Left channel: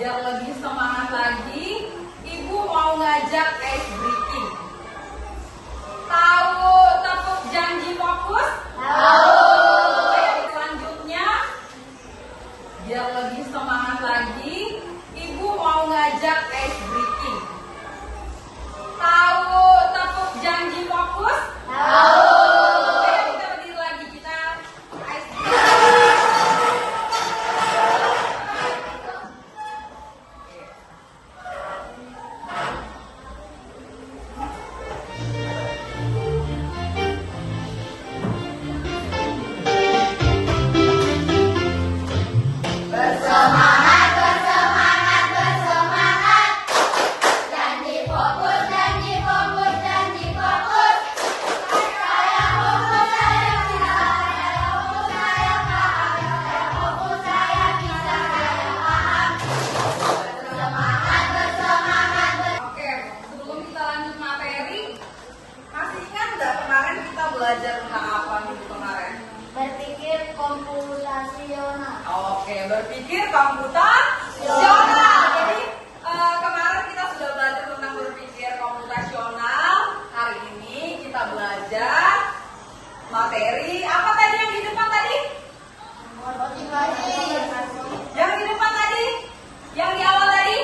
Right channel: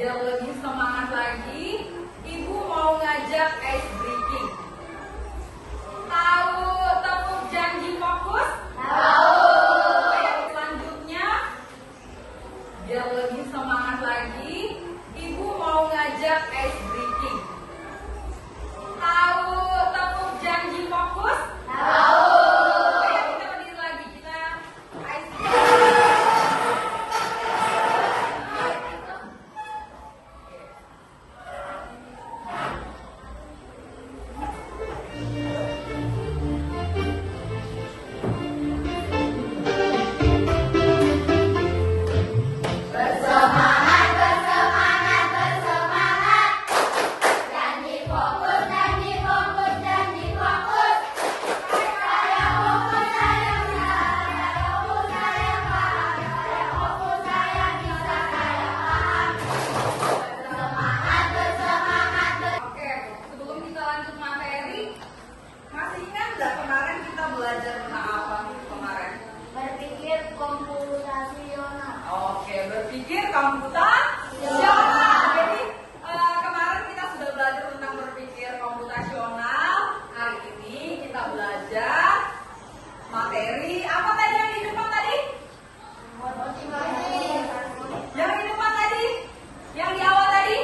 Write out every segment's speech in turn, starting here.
Biar lebih semangat lagi, Ibu mau ngajak ice breaking. Tahu tepuk janji fokus? Tahu. Selanjutnya, biar lebih semangat lagi, Ibu mau ngajak ice breaking. Tahu tepuk janji fokus? Tahu. Kita berdiri lagi, kita ice breaking. Belajar tentang apa minggu kemarin? Berpikir komputasional. Oke, berpikir komputasional. Jadi kemarin kita sudah belajar tentang berpikir komputasional. Hari ini kita belajar materi apa tadi yang di depan tadi? Yang di depan tadi? Yang di awal tadi?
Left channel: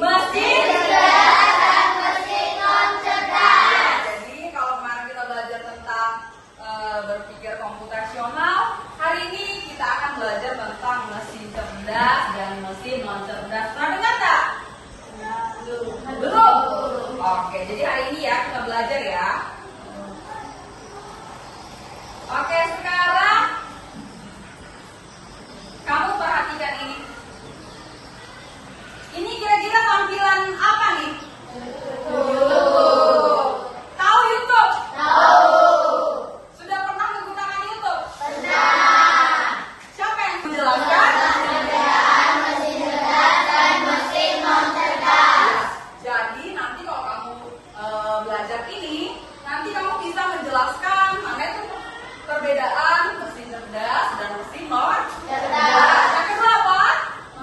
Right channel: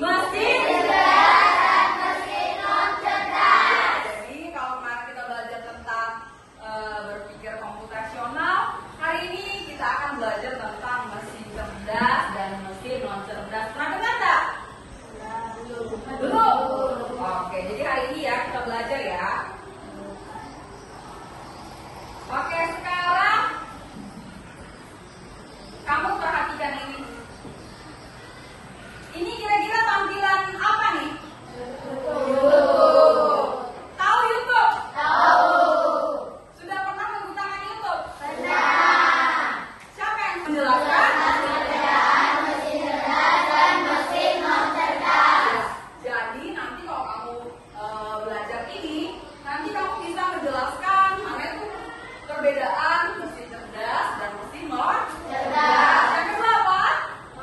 Mesin cerdas dan mesin non cerdas. Jadi kalau kemarin kita belajar tentang berpikir komputasional, hari ini kita akan belajar tentang mesin cerdas dan mesin non cerdas. Pernah dengar nggak? Belum. Oke, jadi hari ini ya kita belajar ya. Oke, sekarang kamu perhatikan ini. Ini kira-kira tampilan apa nih? Tahu YouTube? Tahu. Sudah pernah menggunakan YouTube? Pernah. Siapa yang menjelaskan? Perbedaan mesin cerdas dan mesin non cerdas. Jadi nanti kalau kamu belajar ini, nanti kamu bisa menjelaskan mana itu perbedaan mesin cerdas dan mesin non cerdas. Yang kedua apa?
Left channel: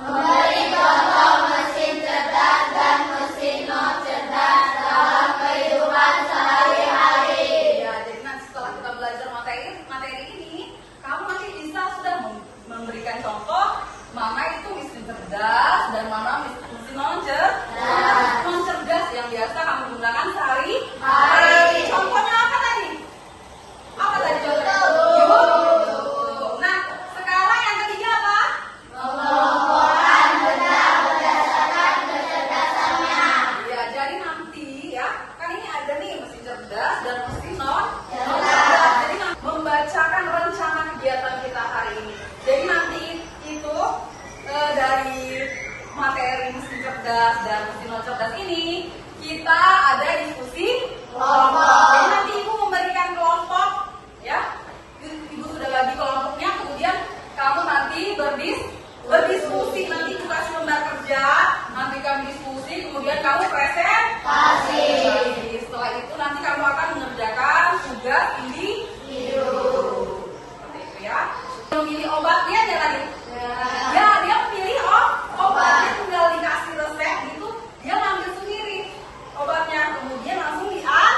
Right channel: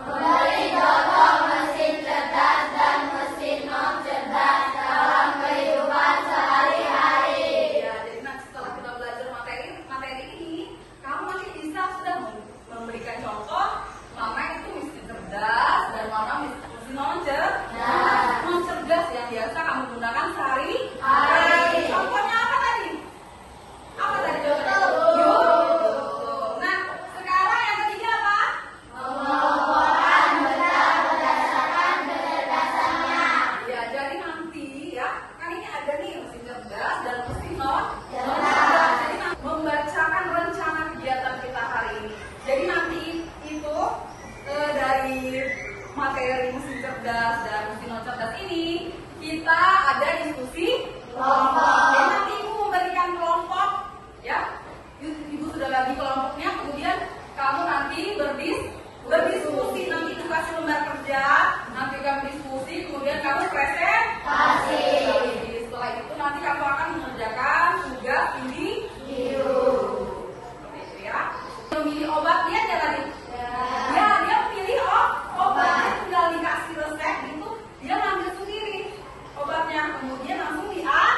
Memberi contoh mesin cerdas dan mesin non cerdas dalam kehidupan sehari-hari. Ya, jadi nanti setelah kita belajar materi ini, kamu nanti bisa sudah memberikan contoh mana itu mesin cerdas dan mana mesin non cerdas. Non cerdas yang biasa kamu gunakan sehari-hari. Contohnya apa tadi? Apa tadi contohnya? YouTube. Nah, sekarang yang ketiga apa? Mengelompokkan benda berdasarkan kecerdasannya. Ya, jadi nanti ya, kan ini ada nih mesin cerdas dan mesin non cerdas. Jadi membacakan rencana kegiatan kita hari ini. Jadi nanti itu dari materi mesin cerdas dan mesin non cerdas ini kita ada diskusi Kelompok. Jadi nanti ibu memberikan kelompok, ya. Ibu sudah bagi kelompoknya, kemudian kamu nanti berdiskusi. Nanti ibu kasih lembar kerja, nanti kamu diskusi, kemudian kamu presentasi. Setelah itu nanti kamu akan mengerjakan tugas individu. Itu ya. Memilih obatnya aja tadi. Ya, dia pilih obatnya, tinggal dikasih resep gitu, dia ngambil sendiri obatnya, kemudian langsung diantar.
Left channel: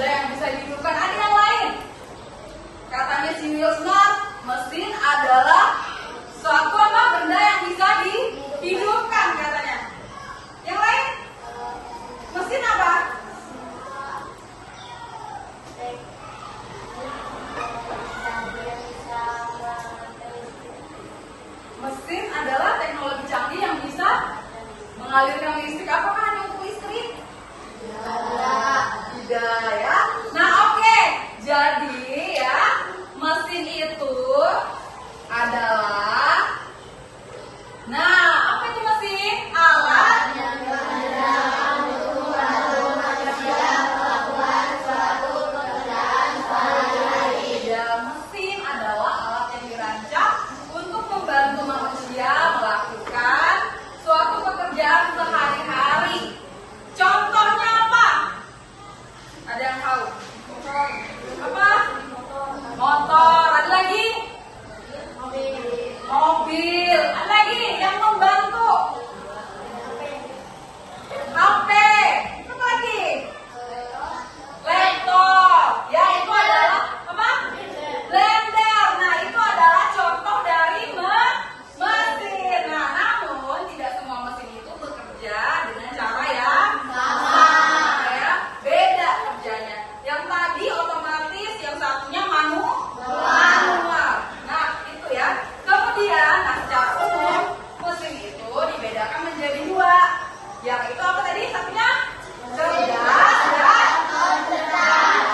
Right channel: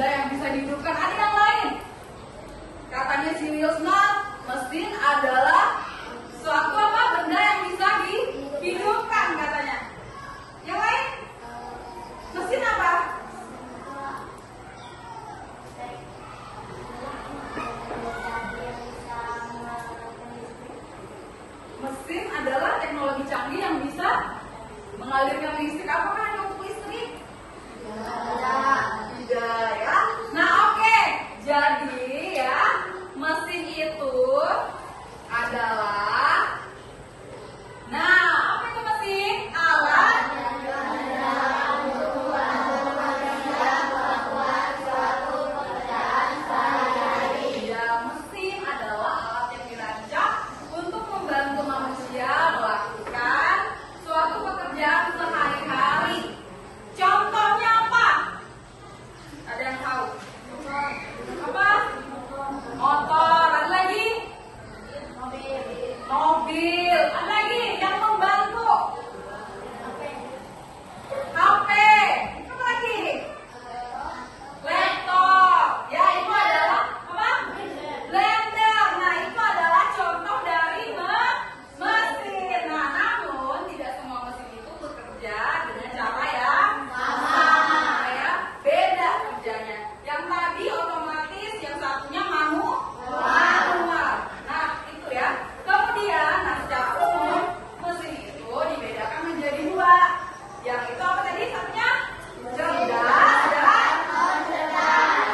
benda yang bisa dihidupkan. Ada yang lain. Katanya si Wilsnar, mesin adalah suatu apa benda yang bisa dihidupkan katanya. Yang lain? Mesin apa? Mesin adalah teknologi canggih yang bisa mengalirkan listrik. Apakah hanya untuk listrik? Tidak ya. Nah oke, jadi ya mesin itu adalah, nah apa itu mesin? Alat ya, mesin adalah alat yang dirancang untuk membantu manusia melakukan suatu pekerjaan sehari-hari. Contohnya apa? Ada yang tahu? Apa? Motor. Ada lagi? Mobil. Ada lagi yang membantu? HP. Apa lagi? Laptop. Ya, itu adalah apa? Blender. Nah, itu adalah contoh dari mesin. Nah, namun tidak semua mesin itu bekerja dengan cara yang sama ya. Beda kerjanya. Yang tadi otomatis, yang satunya manual. Nah, itu ya. Kemudian, nah, secara umum mesin itu dibedakan menjadi dua. Yang itu apa tadi? Satunya cerdas dan non-cerdas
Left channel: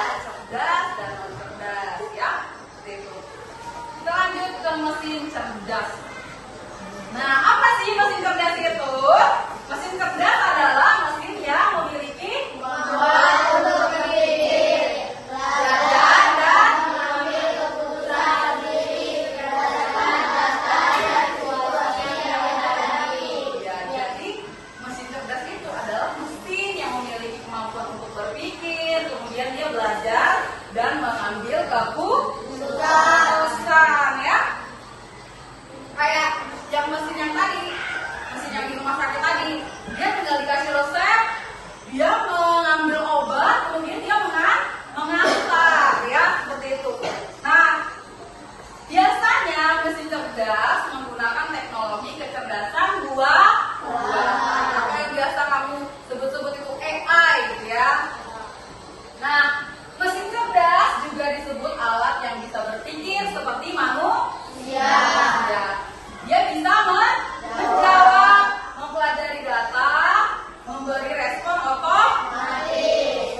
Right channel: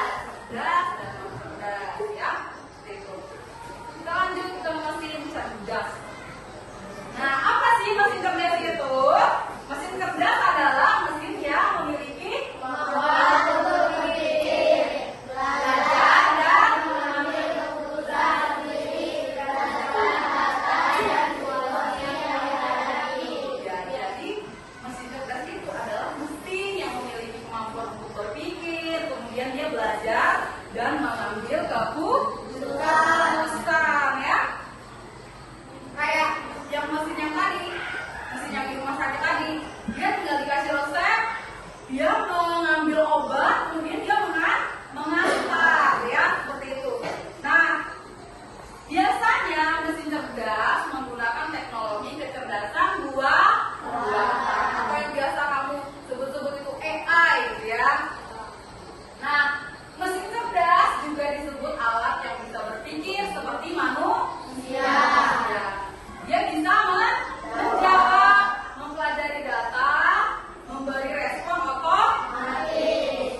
ya. Seperti itu. Kita lanjut ke mesin cerdas. Nah, apa sih mesin cerdas itu? Mesin cerdas adalah mesin yang memiliki badan dan mengambil keputusan sendiri berdasarkan data yang ya, jadi mesin cerdas itu adalah mesin yang memiliki kemampuan untuk berpikir, kemudian dia belajar dan mengambil keputusan ya. Kayak yang mesin yang tadi, mesin yang di rumah sakit tadi, dia tinggal dikasih resep, dia mengambil obat, kemudian dia mengantar ya, seperti itu. Nah, biasanya mesin cerdas menggunakan teknologi kecerdasan buatan. Apa yang biasa kamu sebut-sebut itu AI gitu ya. Nah, mesin cerdas juga disebut alat yang bisa berpikir seperti manusia. Dia bisa menjawab, mempelajari data, memberi respon otomatis.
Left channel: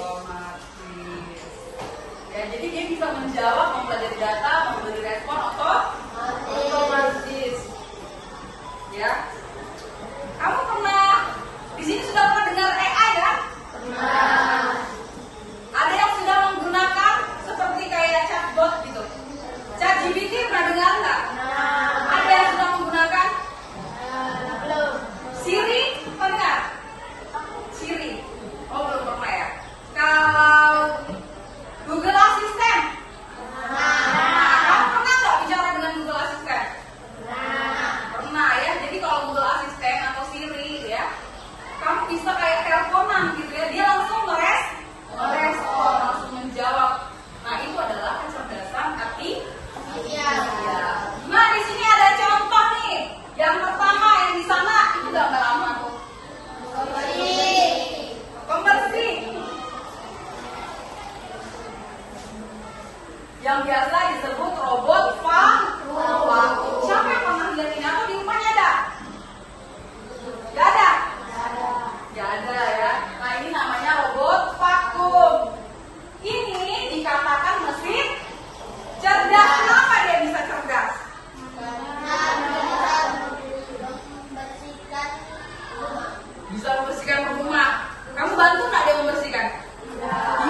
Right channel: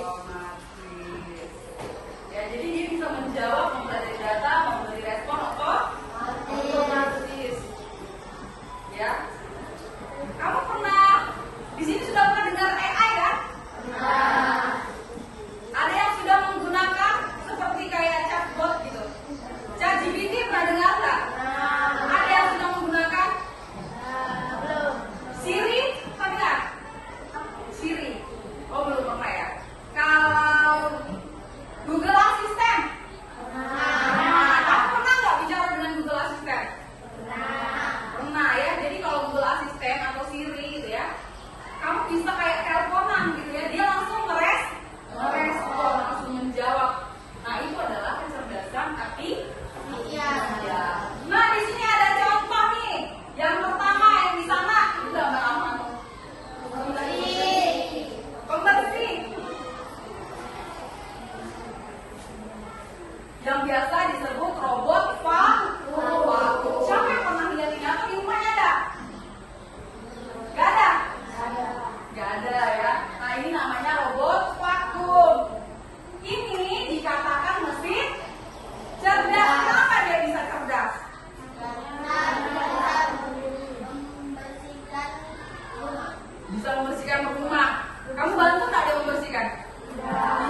Ya, jadi dia bisa menjawab, mempelajari data, memberi respon otomatis. Ya, kamu pernah di sini sudah pernah dengar AI kan? Ada yang sudah menggunakan seperti kayak chatbot gitu. ChatGPT pernah dengar nggak? Ada yang sudah menggunakan? Siri pernah? Siri? Oh belum pernah ya. Kalau Google Assistant? Kamu pernah nggak bicara dengan Google Assistant? Pernah ya. Jadi kalau Google Assistant atau Siri gitu ya, kamu bisa kayak teleponan gitu ya. Dia langsung merespon, langsung menjawab. Nah itu adalah kecerdasan artificial. Nah di sini ada contoh nih. Yang pertama yang di sana itu gambar apa? Pembersih. Yang biasa disebut robot vakum. Siapa yang pernah lihat ini? Atau di rumahnya ada? Gak ada? Gak ada ya. Nah ini namanya robot vakum. Ini dikatakan mesin cerdas. Kenapa dia bisa cerdas? Bisa membersihkan rumah. Kamu bantu nggak dia membersihkan?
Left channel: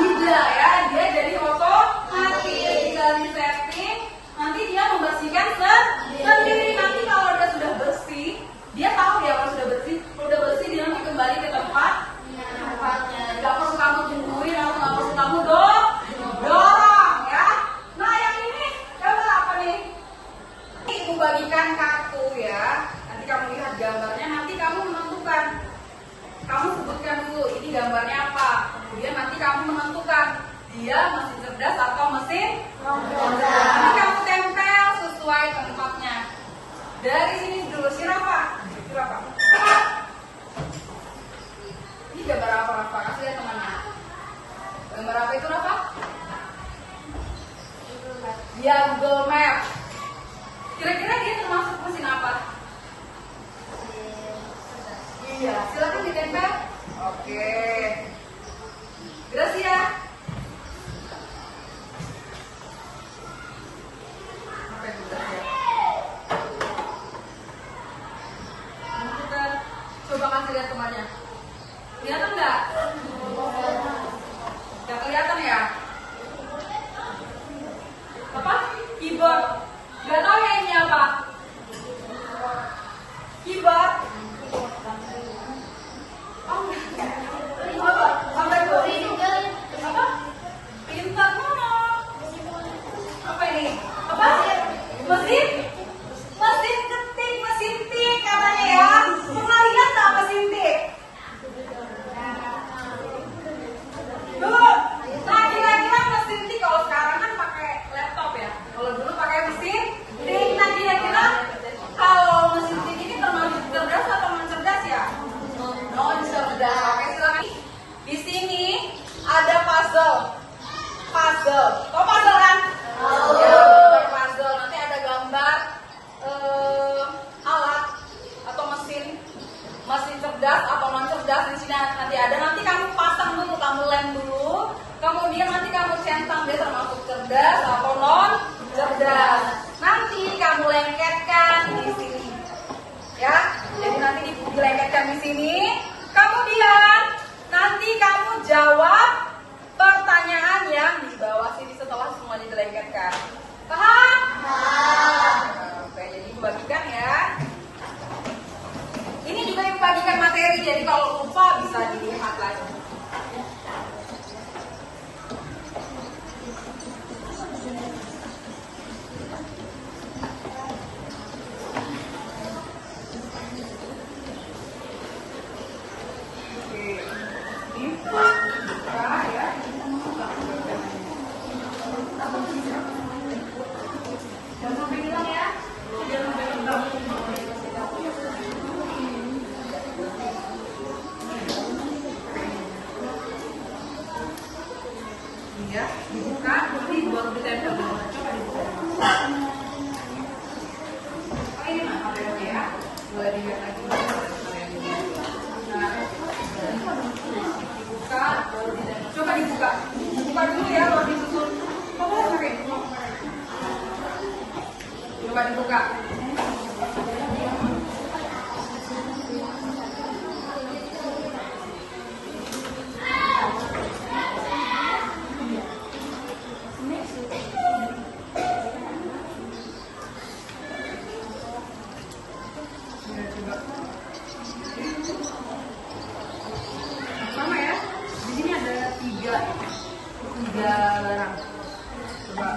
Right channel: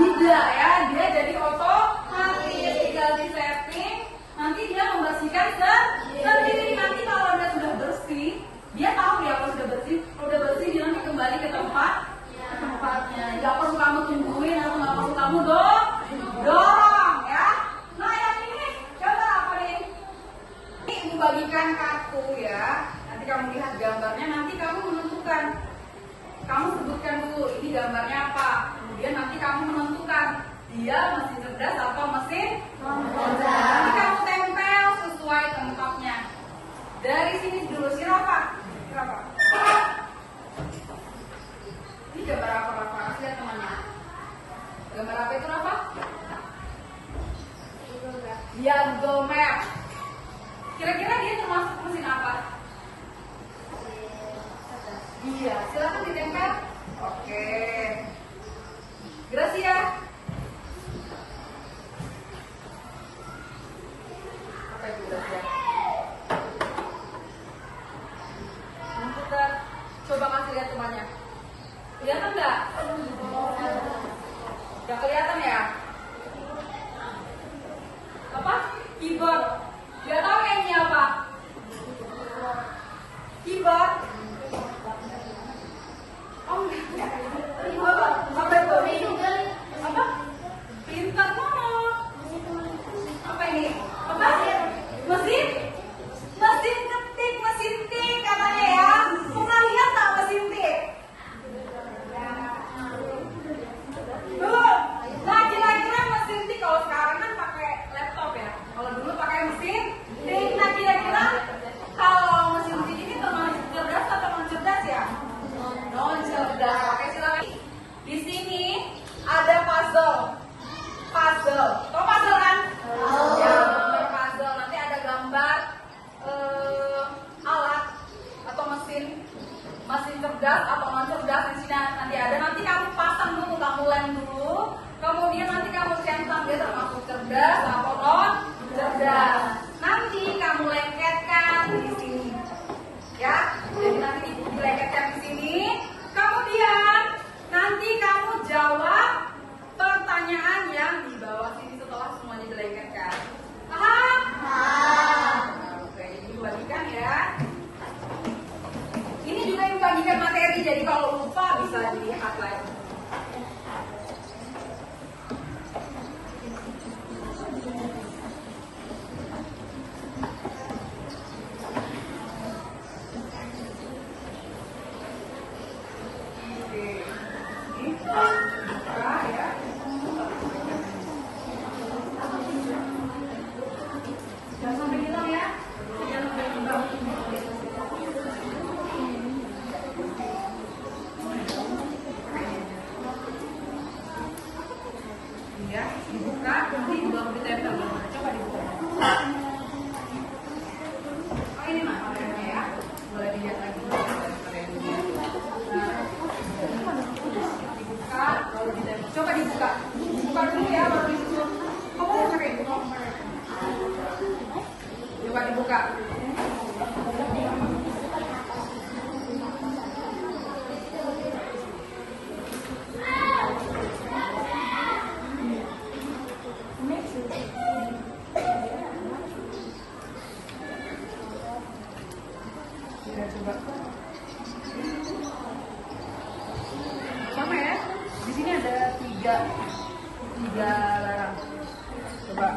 Tidak ya. Dia jadi otomatis, tinggal di setting. Nanti dia membersihkan sendiri. Nanti kalau dia sudah bersih, dia tahu dia kalau sudah bersih. Kalau udah bersih dia mau kembali ke tempatnya. Nggak perlu kamu tungguin atau nggak perlu kamu dorong ya. Nah yang ini gambar apa nih? Ini membagikan kartu ya. Nanti kamu lihat gambarnya, nanti kamu menentukan. Kamu sebutkan dulu ini gambarnya apa. Kemudian nanti kamu menentukan di Dia mesin cerdas atau mesin cerdas. Nanti kamu tempel sesuai tempatnya. Dari sini dulu si Rafa. Ini gambar apa Rafa? Kasih lihat temannya. Gambar apa itu Rafa? Dia Google Map. Kira-kira dia termasuk mesin apa? Iya, silakan ditempel. Oke. Gracia. Apa itu Gracia? Kita coba kasih lihat temannya. Kelihatan nggak? Nggak kelihatan ya? Apa? Keyboard. Nggak tahu ya ini apa? Keyboard. Oh, apa? Sampai printer. Apa? Printer mana? Apa ini? Apa? Mesin? Mesin ketik, mesin tik katanya ya. Pernah lihat nggak mesin tik? Tuh, nah kira-kira mesin tik kalau sekarang kan pakai laptop ya. Kalau dulu pakai mesin tik. Nah kira-kira kalau mesin tik ini termasuk cerdas atau non cerdas ya? Non cerdas. Oke silakan. Di sini ada puzzle. Puzzle. Kok puzzle kan? Ya, gambar puzzle. Nanti ada gambar alat atau mesin cerdas atau non cerdas di sini nanti ada. Nanti kamu pasang dulu, kamu lem dulu. Kemudian nanti kamu centang dia termasuk cerdas atau non cerdas. Nanti kamu lengketkan di sini. Ya, jadi nanti dilengketkan di sini. Kemudian nanti kamu jawab pertanyaan yang di bawah sini setelah semuanya dilengketkan. Paham? Oke, jadi bagikan ya. Ini juga membagikan materi, jadi kalau lupa bisa dilihat lagi. Ya, dibuka, nanti buat ditempel dulu. Coba dibuka. Oh ini mah kameranya ya, boleh dilihat lagi. Dibuka, baru ditempel. Coba dibuka, buka dulu ya, baru disusun. Kamu mau pakai itu? Coba dibuka. Sama ya, di sini ada tiga barang. Coba.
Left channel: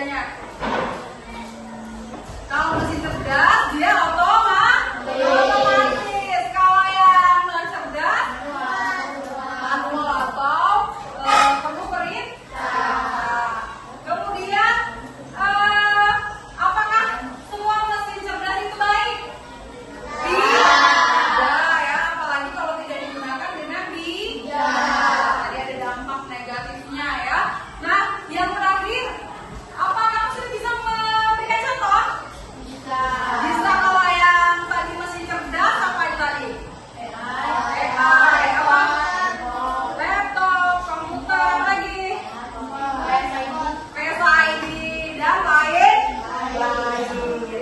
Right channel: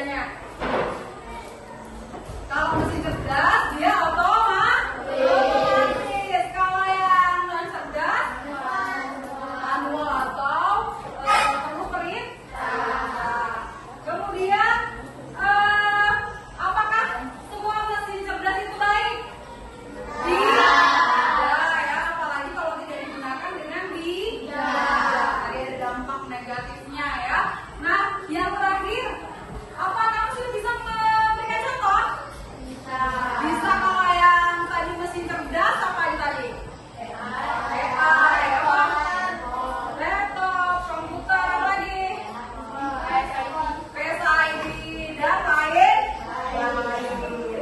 bedanya? Kalau mesin cerdas dia otomatis. Kalau yang non cerdas manual atau perlu perintah. Kemudian apakah semua mesin cerdas itu baik? Tidak ya, apalagi kalau tidak digunakan dengan bijak. Tadi ada dampak negatifnya ya. Nah, yang terakhir, apakah mesin bisa memberikan contoh? Bisa. Kalau yang tadi mesin cerdas apa itu tadi? AI, apa? Laptop, komputer, apa lagi? Face ID dan lain.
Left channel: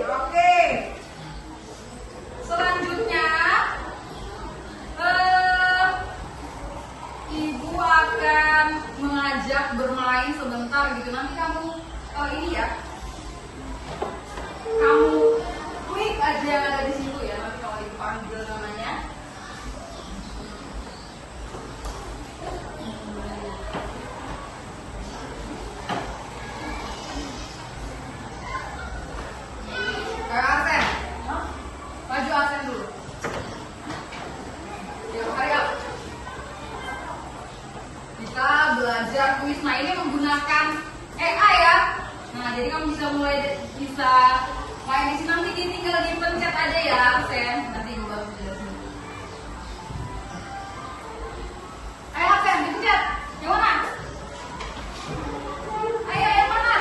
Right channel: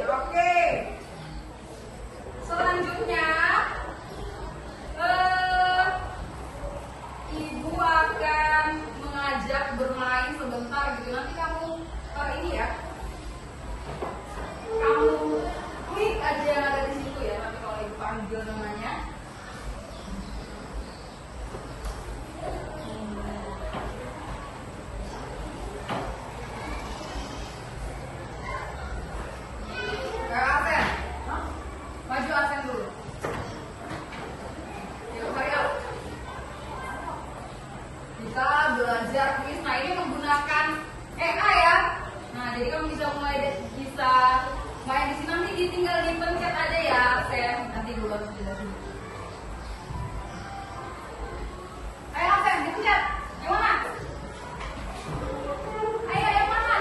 Oke. Selanjutnya, Ibu akan mengajak bermain sebentar gitu. Nanti kamu ini ya, kamu klik aja yang ada di situ ya. Nanti kalau Ibu panggil namanya. Asen, maju Asen dulu. Yuk, ayo. Kita belajar tulis. Nah, ini menggunakan AI ya. Nah, jadi kamu bisa mulai di sini, nanti tinggal dipencet aja ya, Sen. Nanti juga jelasin. Ayo, Sen, dipencet. Yang mana? Ayo, yang mana?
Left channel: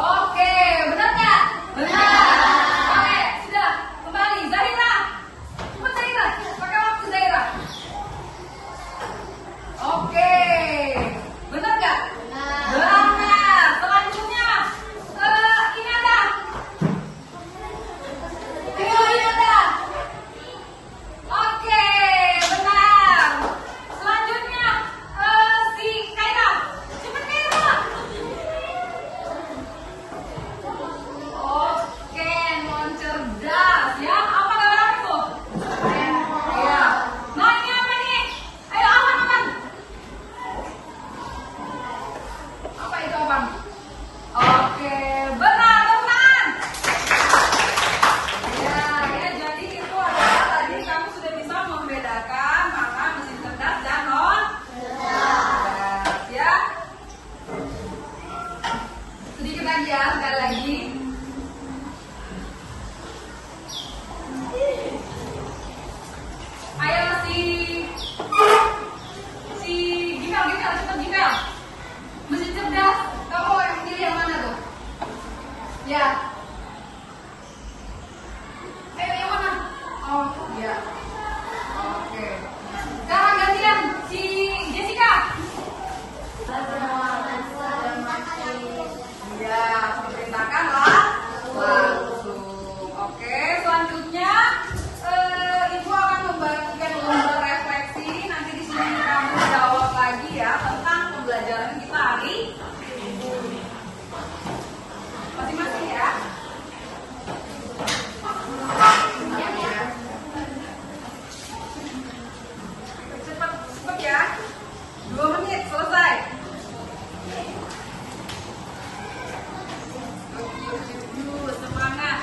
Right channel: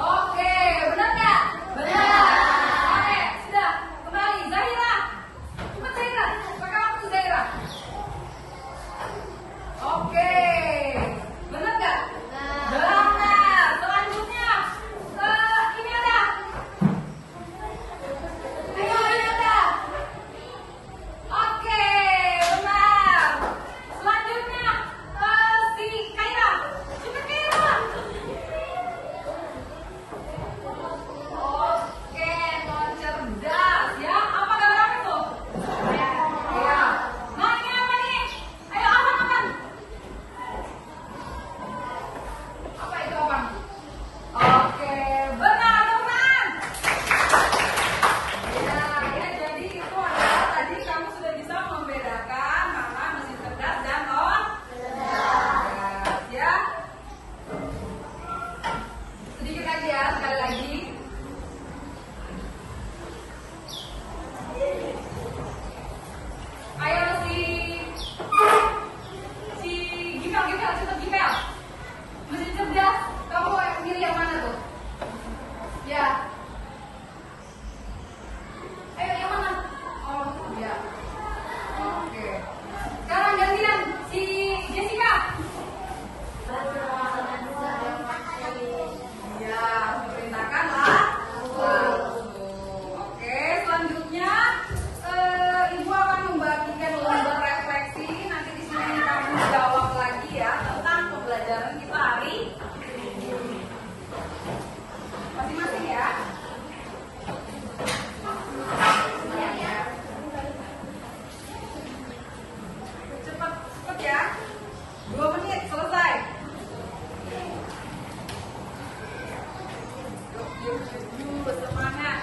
Oke, benar nggak? Benar. Oke, sudah. Kembali, Zahira. Cepat Zahira, pakai waktu Zahira. Oke, benar nggak? Benar. Selanjutnya, ini ada. Ayo, ini ada. Oke, benar. Selanjutnya, si Kaira. Cepat Kaira. Oke, non cerdas ya. Apa gambaran itu? Ya. Nah, ini apa nih? Ayo, Awan. Apa itu, Abang? Oke, benar, teman. Ya, jadi itu adalah tadi kamu sudah bisa membedakan mana mesin cerdas dan non cerdas ya. Sedikit aja ya, sekali lagi. Ayo si Gimel, cepet Gimel. Mesin cerdas, kamu yang pilih yang mana tuh? Ya. Ayo yang mana? Oh, ya. Oke. Sekarang gantian si Jessica. Iya, perintahkan langsung. Oke, selanjutnya Ibu akan membagikan lomba refleksi. Nanti di sini kamu jawab lagi ya tentang pembelajaran kita hari ini. Masing-masing ya. Cepat ya. 2 menit selesai. Semangat.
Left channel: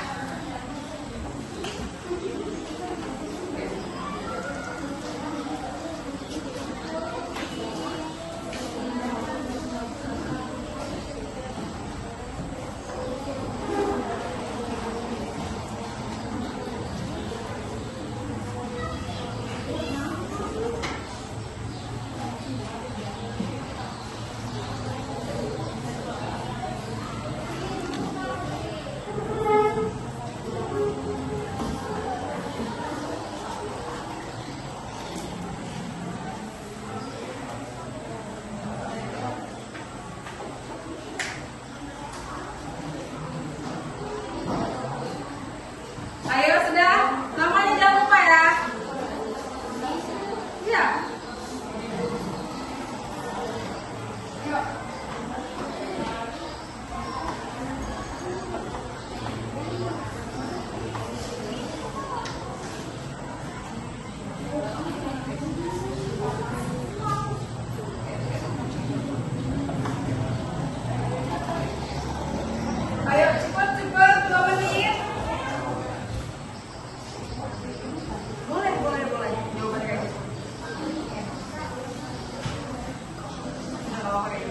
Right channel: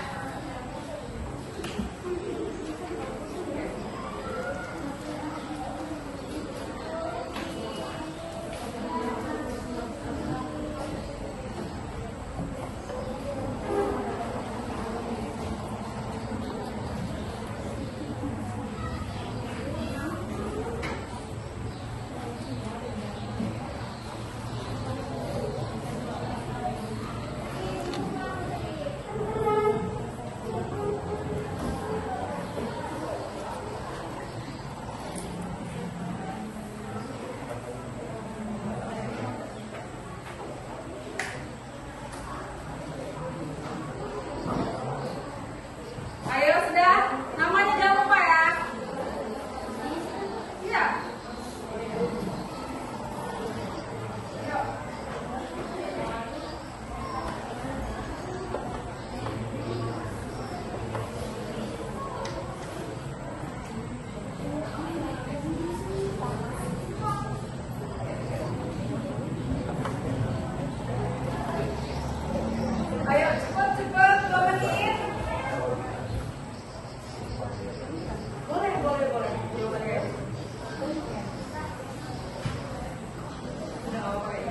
Ayo cepat 2 menit. Boleh. Jawabannya.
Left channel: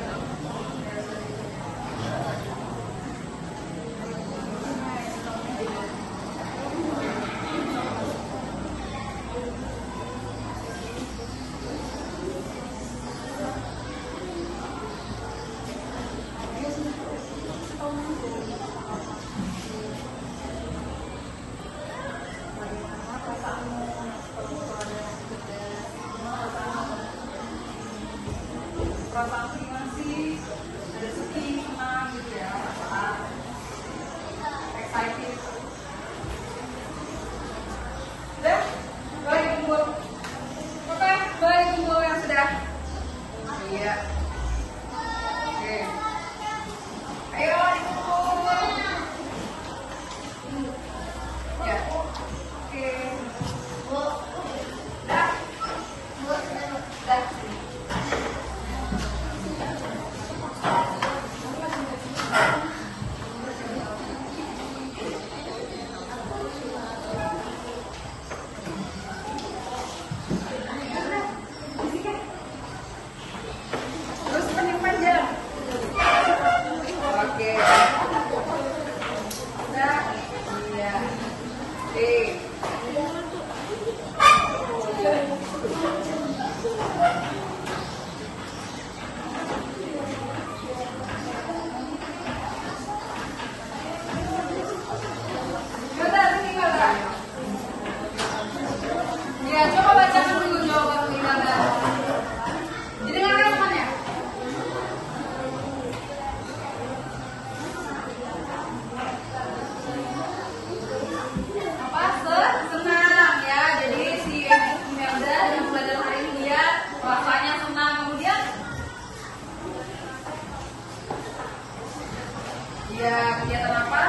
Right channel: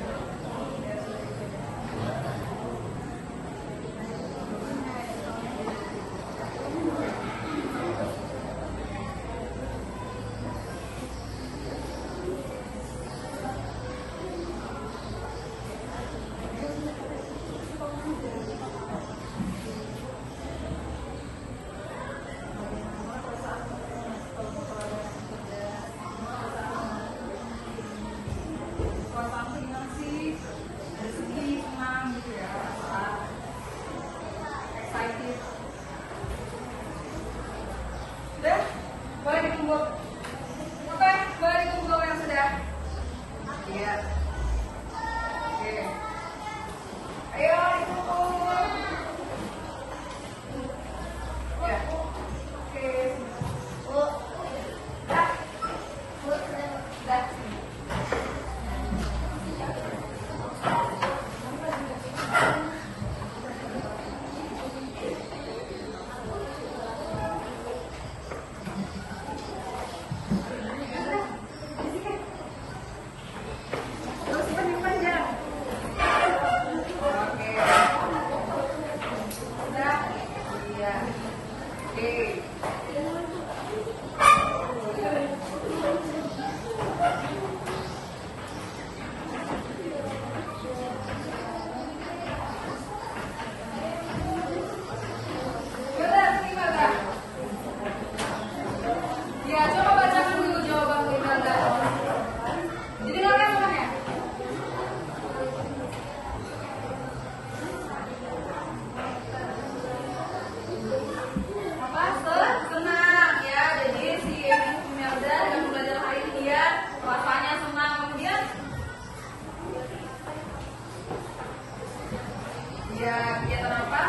Ya, kegiatan apa?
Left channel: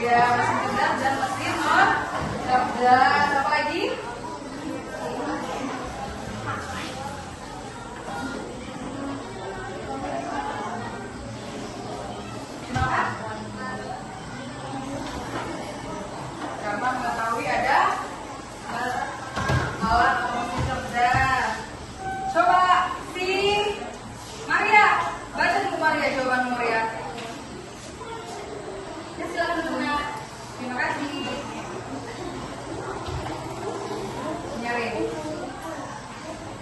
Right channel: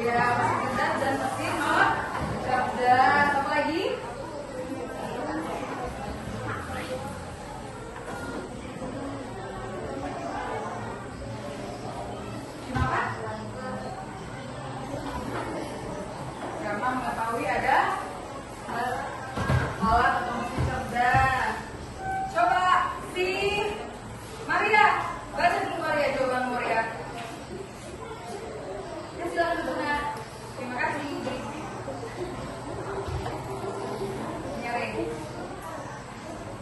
Ya, mesin cerdas dan mesin cerdas. Apa lagi? Kenapa? Karena mengetahui ada alat mesin cerdas. Coba si Maria, baca dulu Maria jawaban Maria. Ya, silakan duduknya. Terima kasih. Nyaring.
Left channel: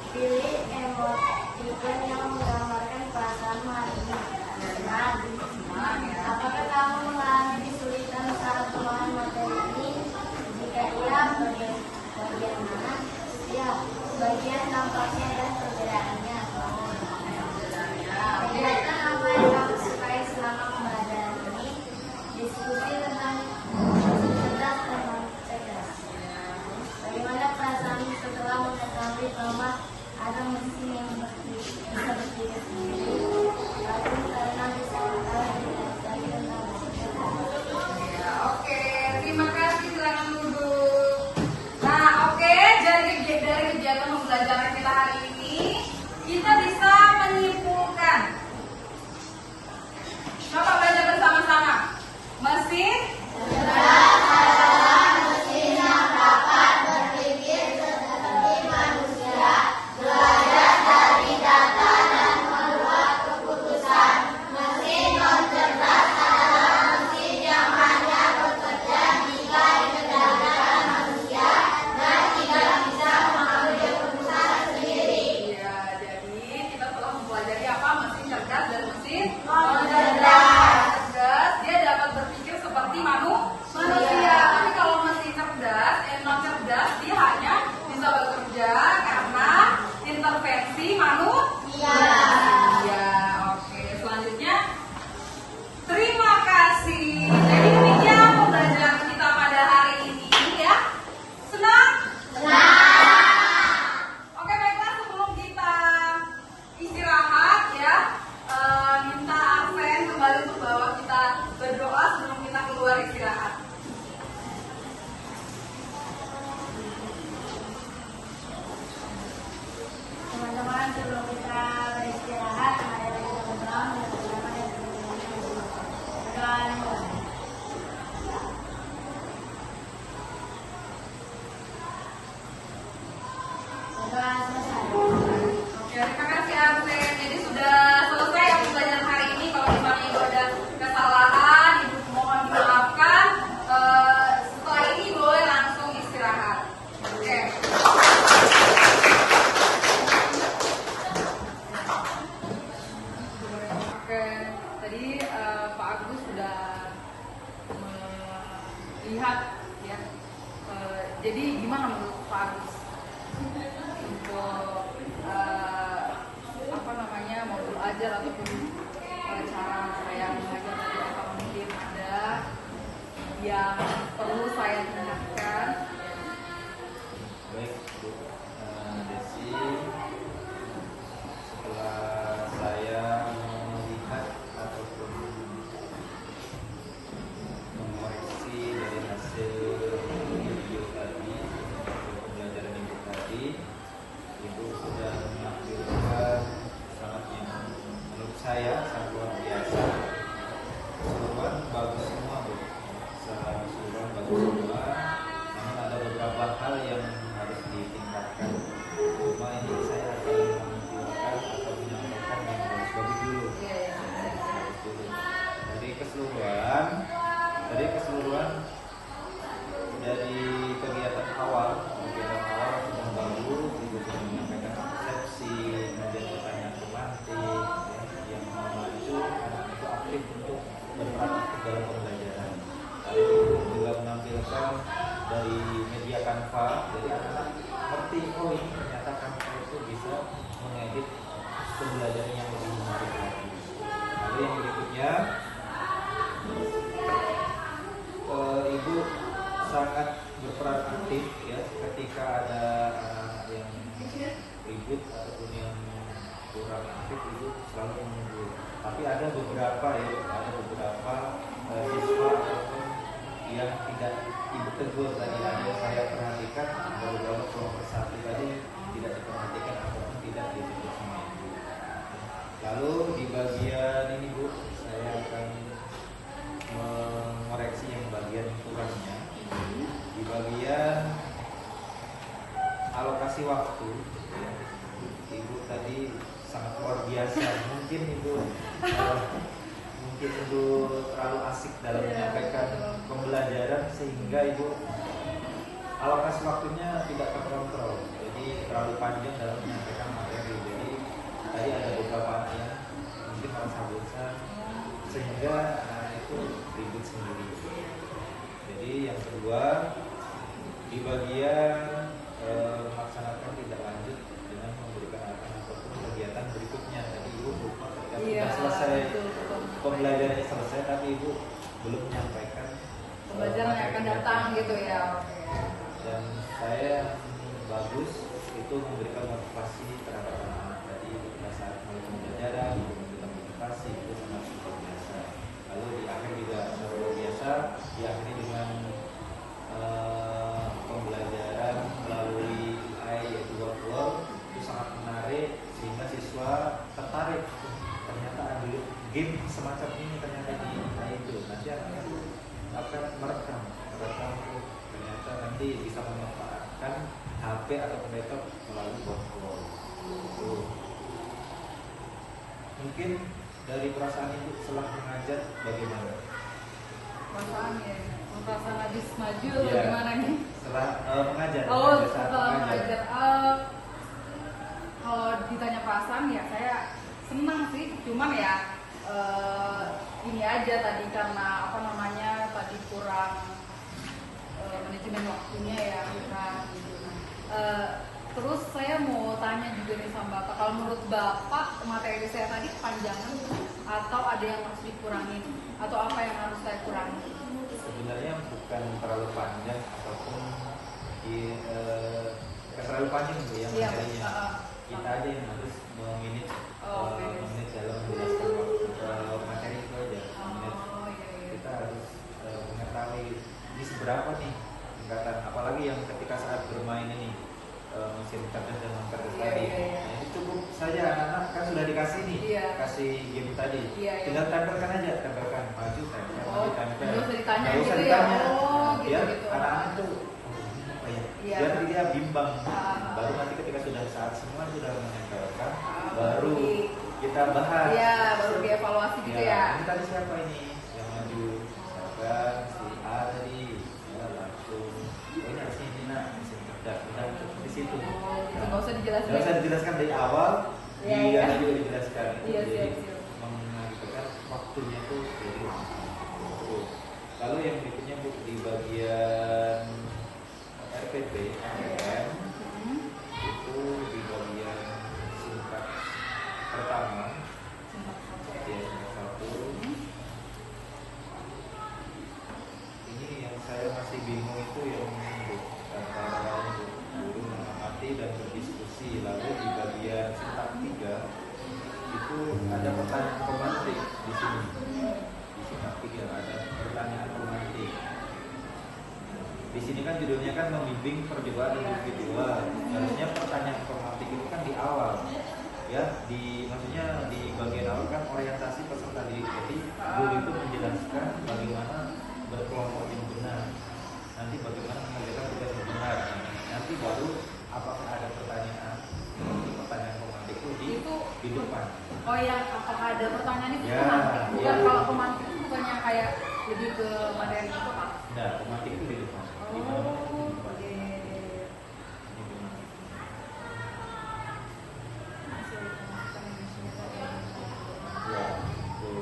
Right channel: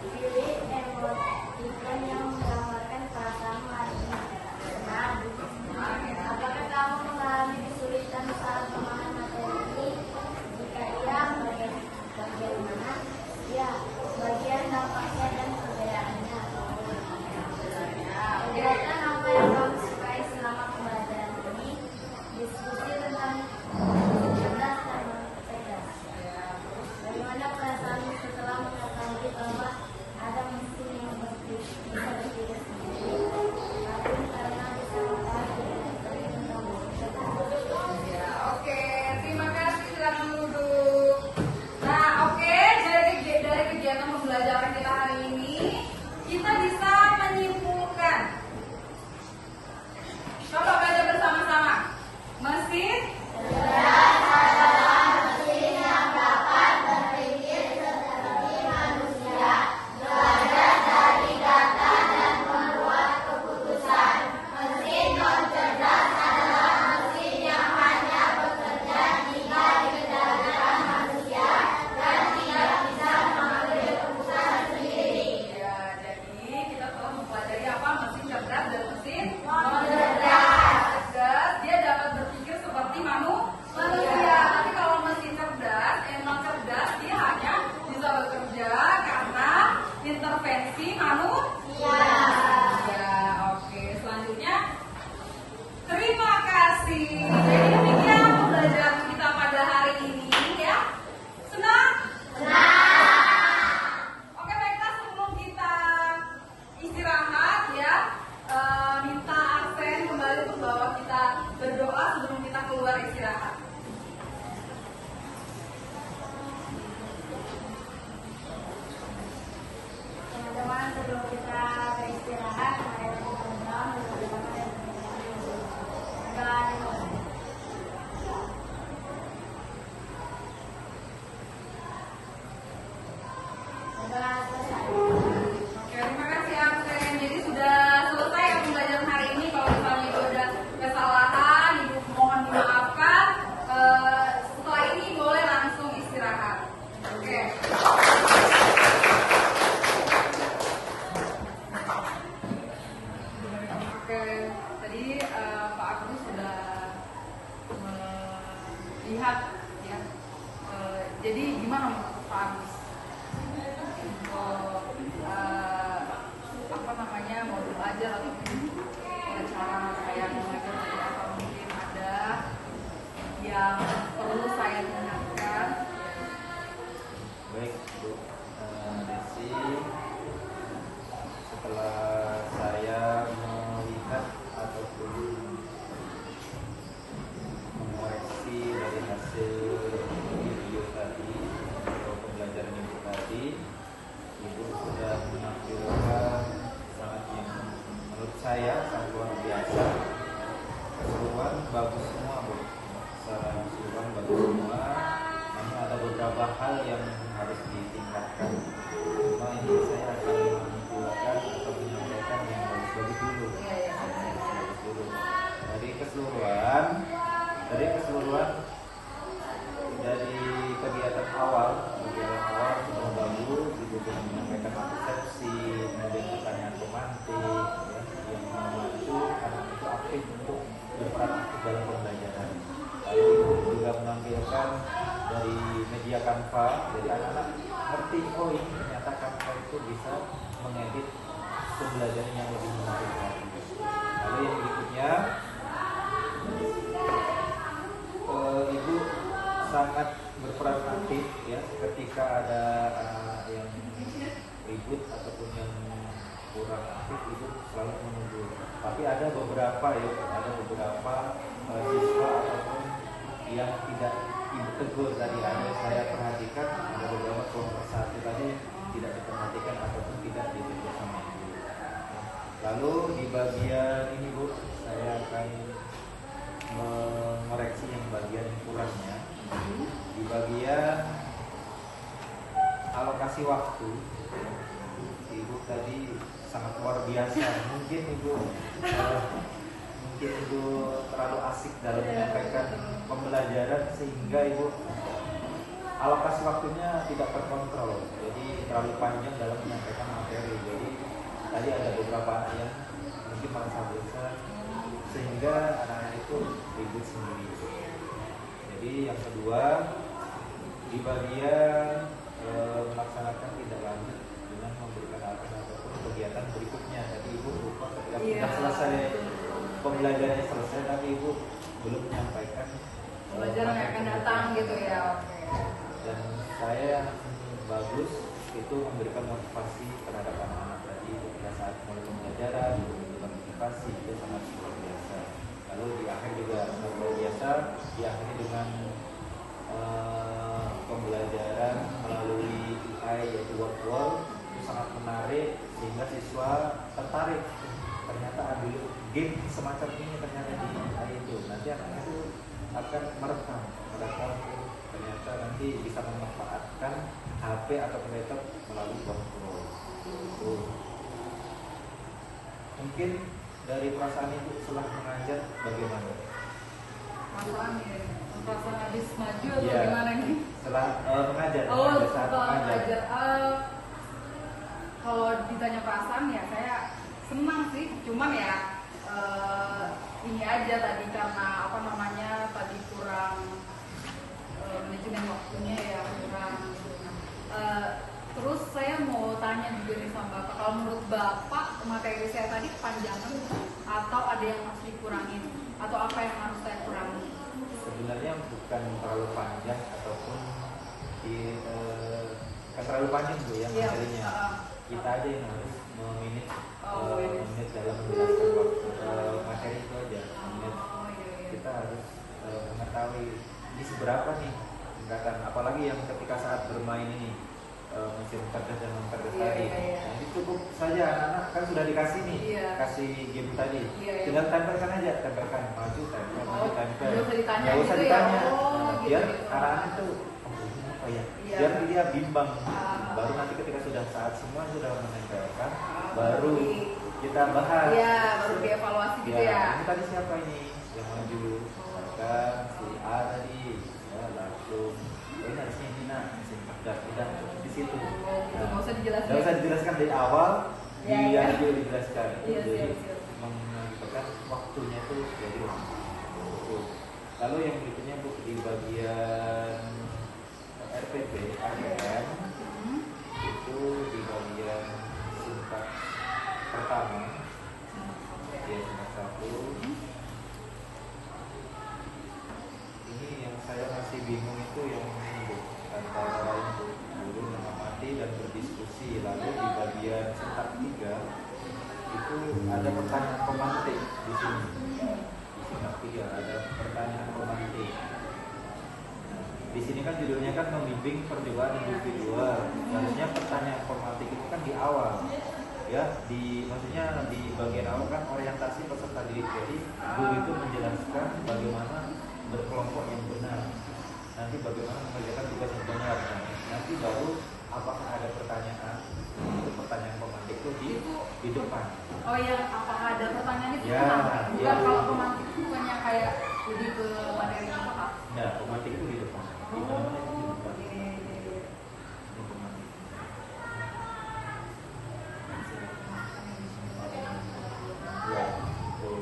Pilih emoticon yang menggambarkan perasaan Maria. Apakah kamu mengalami kesulitan saat memahami materi ini? Jika iya, bagaimana? Ya, bagian nampaknya dan perbedaannya. Jelaskan apa yang kamu sukai selama pembelajaran ini. Diskusi tentang cerdas dan cerdas. Bagaimana perasaanmu setelah mengetahui bahwa ada mesin yang bisa berpikir sendiri? Aku karena bisa mengetahui tentang Ya, oke. Terima kasih. Silakan duduk. Nah, oke. Dari kegiatan pembelajaran kita hari ini, kita bisa menyimpulkan. Coba baca bersama-sama. Mesin ya, jadi kita telah mempelajari apa mesin cerdas dan mesin cerdas. Dia dapat berpikir seperti manusia. Tapi kalau mesin cerdas, yang non cerdas, dia hanya bisa bekerja karena intervensi manusia. Ya, oke. Selanjutnya, terima kasih. Jadi demikian pembelajaran kita pada hari ini ya. Senang? Oke, baiklah, sebelum kita istirahat ya, minta Arsen kembali untuk bawa kita berdoa sebelum kita keluar istirahat. teman-teman sebelum kita beristirahat, mari kita berdoa. tadi Pak Agus sudah melihat ya. Jadi gimana menurut Pak Agus untuk apa namanya modul belajar ataupun cara saya mengajar tadi, atau mungkin ada yang perlu saya tingkatkan? Baik Bu Desi, setelah saya melihat ataupun mengoreksi dari hasil video tadi atau pembelajaran Ibu tadi, Ibu sudah menampilkan sangat yang menurut saya sangat luar biasa. Keseluruhan bagus semua Bu, secara keseluruhan bagus semua. Namun ada beberapa hal yang harus ditingkatkan. Cuma ini saya akan menunjukkan atau menyampaikan yang bagus dulu. Bagus dulu. Dari keseluruhan dari kegiatan awal semua bagus. Ibu sudah menyampaikan persepsi, kemudian pertanyaan pemantik, ya, yang memacu anak itu aktif untuk berperan aktif dalam pembelajaran. Lalu Ibu juga menampilkan dari media Canva, jadi anak-anak ngerti, oh ini ternyata Canva itu bisa mengedit pembelajaran yang lebih menarik lagi. Lalu yang berikutnya, Ibu sangat berperan aktif ya ketika ada anak-anak yang ribut ataupun yang kurang aktif, Ibu selalu menunggu. Tapi ada beberapa siswa ataupun yang tidak Ibu tegur tadi, ada saya perhatikan ada beberapa kelompok satu tadi tidak diperhatikan ataupun tidak ditegur sama Ibu. Lalu di bagian ini Bu, saya akan mengoreksi yang bagian kurangnya. Di bagian alokasi waktu, Ibu tadi sangat luar biasa. Mungkin Ibu terlalu asik dalam menyampaikan pembelajaran sehingga Ibu alokasi waktunya tidak terkontrol. Jadi terlalu panjang dalam menyampaikan materi. Jadi tadi ada beberapa anak yang mungkin merasa bosan sehingga anak-anak itu ribut sendiri. Jadi yang kedua, di bagian melaksanakan tindak lanjut dengan memberikan arahan ataupun kegiatan berikutnya. Jadi Ibu lupa ketika sudah selesai pembelajarannya selesai, tapi Ibu belum menyampaikan Pembelajaran yang akan datang gitu ya. Dan saya bagus itu memberikan motivasi terhadap anak-anak. Jadi ketika saat mulai pembelajaran, Ibu memberikan motivasi, itu sangat luar biasa. Lalu di akhir juga sangat luar biasa, diakhiri dengan pembelajaran melalui UI yaitu word itu sangat menarik sehingga siswa tertarik. Ternyata ada game semacam ini ternyata di UI itu. Nanti anak-anak itu akan merekam ternyata nanti bisa memanfaatkan HP atau laptop melalui word. Mungkin dari perasaan Ibu setelah mengajar bagaimana? Perasaan habis maju atau gimana nih? Setelah mengajar. Setelah mengajar. Kalau ditanya perasaan ya saya senang sih. Cuman ya ini aja tadi karena apa namanya tadi kurang manajemen waktunya ya kurang. Terus saya mau tanya juga nih sama Bapak, kalau menurut Bapak materi saya tadi kepanjangan atau ada yang harus dikurangin atau apa yang harus saya kurangi? Sebenarnya bukan terlalu panjang ataupun bukan terlalu panjang Bu ya materinya. Kita aja yang harus memanage dalam menjelaskan waktu materi itu aja. Kita harus mengetahui ini seberapa nih tingkatan, apalagi yang ketika saat bermain ini mesin cerdas dan non-cerdas tadi. Nah ini cukup saja, anak-anak kan sudah dikasih nih, kasih game tadi. Tinggal tempelkan aja, tempelkan maju, tempel. Nggak usah ditanya. Biar anak-anak itu ini apa ya? Biar dia bimbang. Baru nanti ketika sudah saat semua sudah menempelkan, baru kita bahas. Iya, baru dievaluasi gitu ya. Ini tadi siapa ini yang maju? Misalkan si A tadi, ya langsung. Ini harusnya ini nak mesin cerdas, udah di situ. Nggak usah dijelaskan. Nggak usah dijelaskan dari awal, dia juga dijelaskan. Iya, Jadi siap. menyampaikan kan waktunya itu jadi lama. Lalu yang berikutnya Bu, di bagian RPP, RPM itu di bagian tingkat pertama, ya tingkat 1. Ini yang saya masih bingung itu yang Bu, antara guru mengamati dan berdiskusi. Lalu di bagian tingkat 3 itu ada pertanyaan pemantik di sini. Di tingkat 3 ada pertanyaan pemantik. Di sini kan judulnya kan membimbing percobaan individual. Harusnya pertanyaan pemantik itu kan di awal, ya. Maksudnya di bagian awal kan orientasi peserta didik. Jadi guru itu menjelaskan bagaimana berkelompok yang benar. Nanti bagaimana mengerjakan tugas yang benar. Nah, nanti baru apakah ada pertanyaan untuk pertanyaan pemantik itu di depan. Oh yang apakah ada pertanyaan itu Ya, pemantik? Bukan ya. kalau pemantik itu bukannya kayak lebih ke materi itu kah? Nah, pemantik itu di depan. Di mana-mana itu di depan. Iya. Ini pemantik. Ya, itu.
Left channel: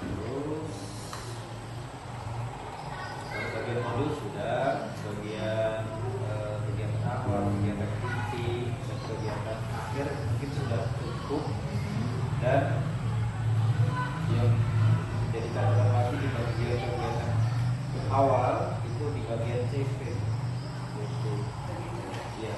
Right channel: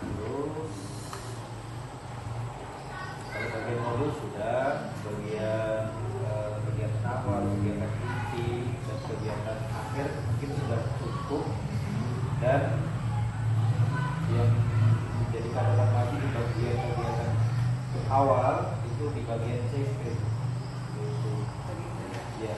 Terus kalau bagian modul sudah, kegiatan awal, kegiatan inti, dan kegiatan akhir mungkin sudah cukup. Dan yang menjadi catatan lagi di bagian kegiatan awal itu di bagian CP. Itu, ya.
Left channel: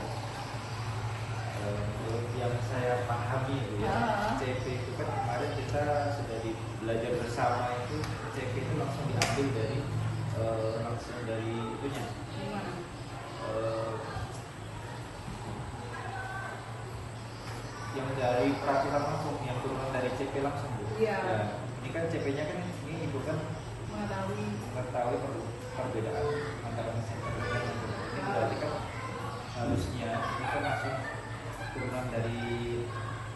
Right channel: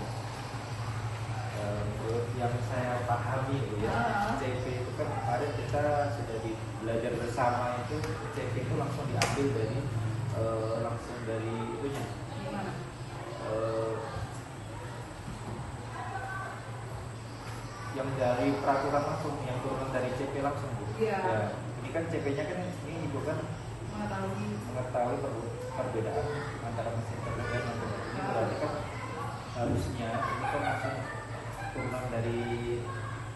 Yang saya pahami itu ya, CP itu kan kemarin kita sudah belajar bersama itu CP itu langsung diambil dari itunya. Gimana? Yang dari peraturan langsung, yang turunan dari CP langsung Bu. Iya. Ya, ini kan CP-nya kan ini Ibu kan mengetahui perbedaan antara mesin cerdas dan non cerdas. Ini berarti kan harusnya ini kan langsung turunan dari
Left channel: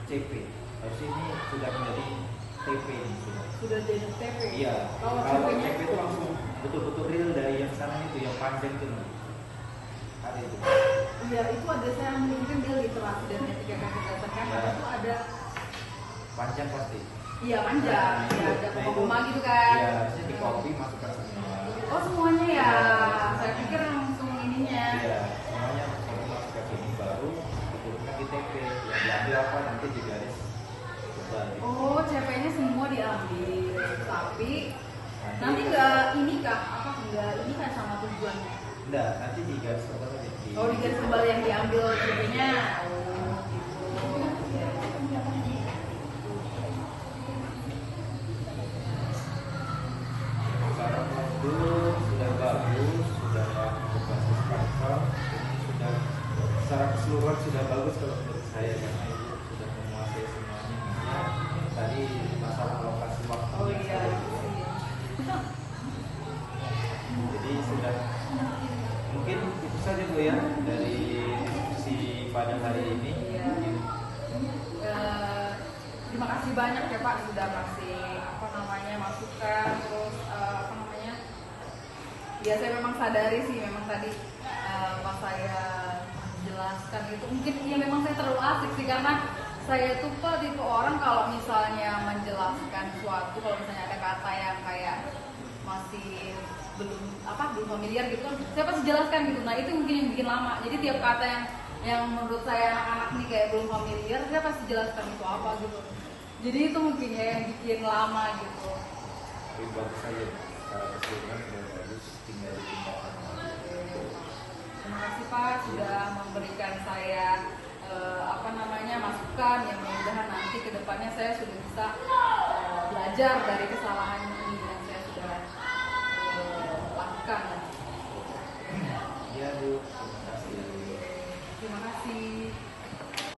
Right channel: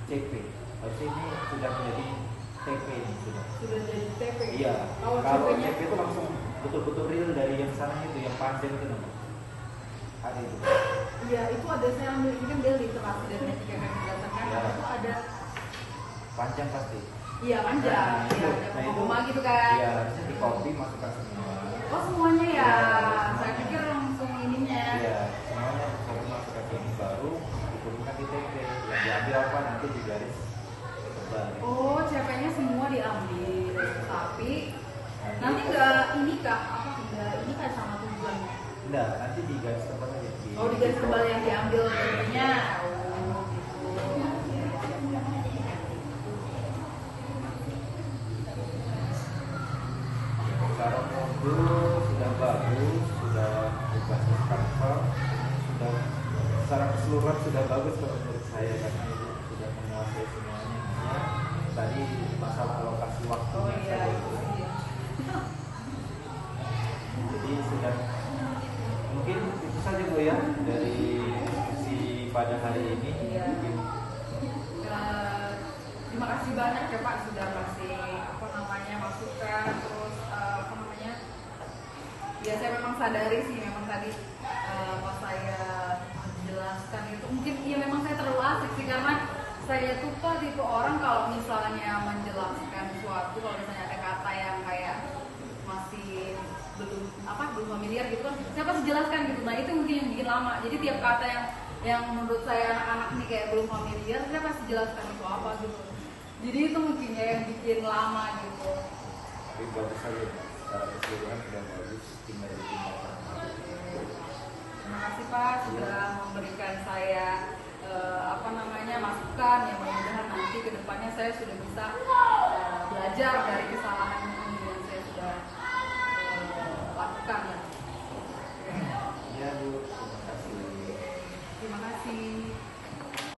CP. Harusnya ini sudah menjadi TP ini sudah. Sudah jadi TP. Iya. Kalau Kalau CP-nya CP itu langsung betul-betul real dari yang sana itu, yang panjang itu nanti. Ada itu. Iya, itu ada saya ambil ini kan dia literasi dan etika kecerdasan kan. Ya. Itu ada Panjang pasti. iya panjang. Nah, Iya, ada nah, koma-koma gitu kan. Iya, harusnya di copy masukkan semua. Oh semuanya ya. Iya. Saya pikir langsung ininya. Iya, semuanya copy masukkan ini baru diturunkan di TP. Yang diambil apa nanti di garis tebal. Gitu. Oh, CP-nya semua diambil. Tapi nanti enggak ini kah? Apa enggak ini kan sama tujuannya? Enggak, nanti di garis tebal aja. Oh, di garis tebal yang diambil CP-nya. Oh, gitu. Secara modul sudah bagus, sudah berbasis Canva, sudah secara keseluruhan sudah bagus kalau menurut saya karena ibu sudah menguasai semuanya. Hanya tadi masalah alokasi waktu Oh iya. Iya. Jadi sudah mungkin itu saja Bu ya dari diskusi pada hari ini. Iya. Terima kasih banyak ya Pak sudah kasih masukan terus ya saya memang sadari sih memang tadi pas saya menjelaskan itu mungkin ya memang saya terlalu asik sih karena saya tuh tipe orang kalau misalnya menjelaskan sesuatu kalau misalnya ada kata yang kayak masih belum familiar gitu kan saya pasti jelaskan gitu. Nah itu mungkin yang bikin lama, jadi tiap kata yang menurut saya anak-anak nih kayak belum familiar saya pasti jelaskan itu apa gitu, jadi itu mungkin ya yang bikin lama gitu. Tapi bagus saja secara keseluruhan sudah bagus, tinggal ditingkatkan. Terima kasih Pak sudah memberikan saya masukan yang mudah-mudahan nanti kedepannya saya sudah bisa belajar dari kesalahan yang saya sudah lakukan.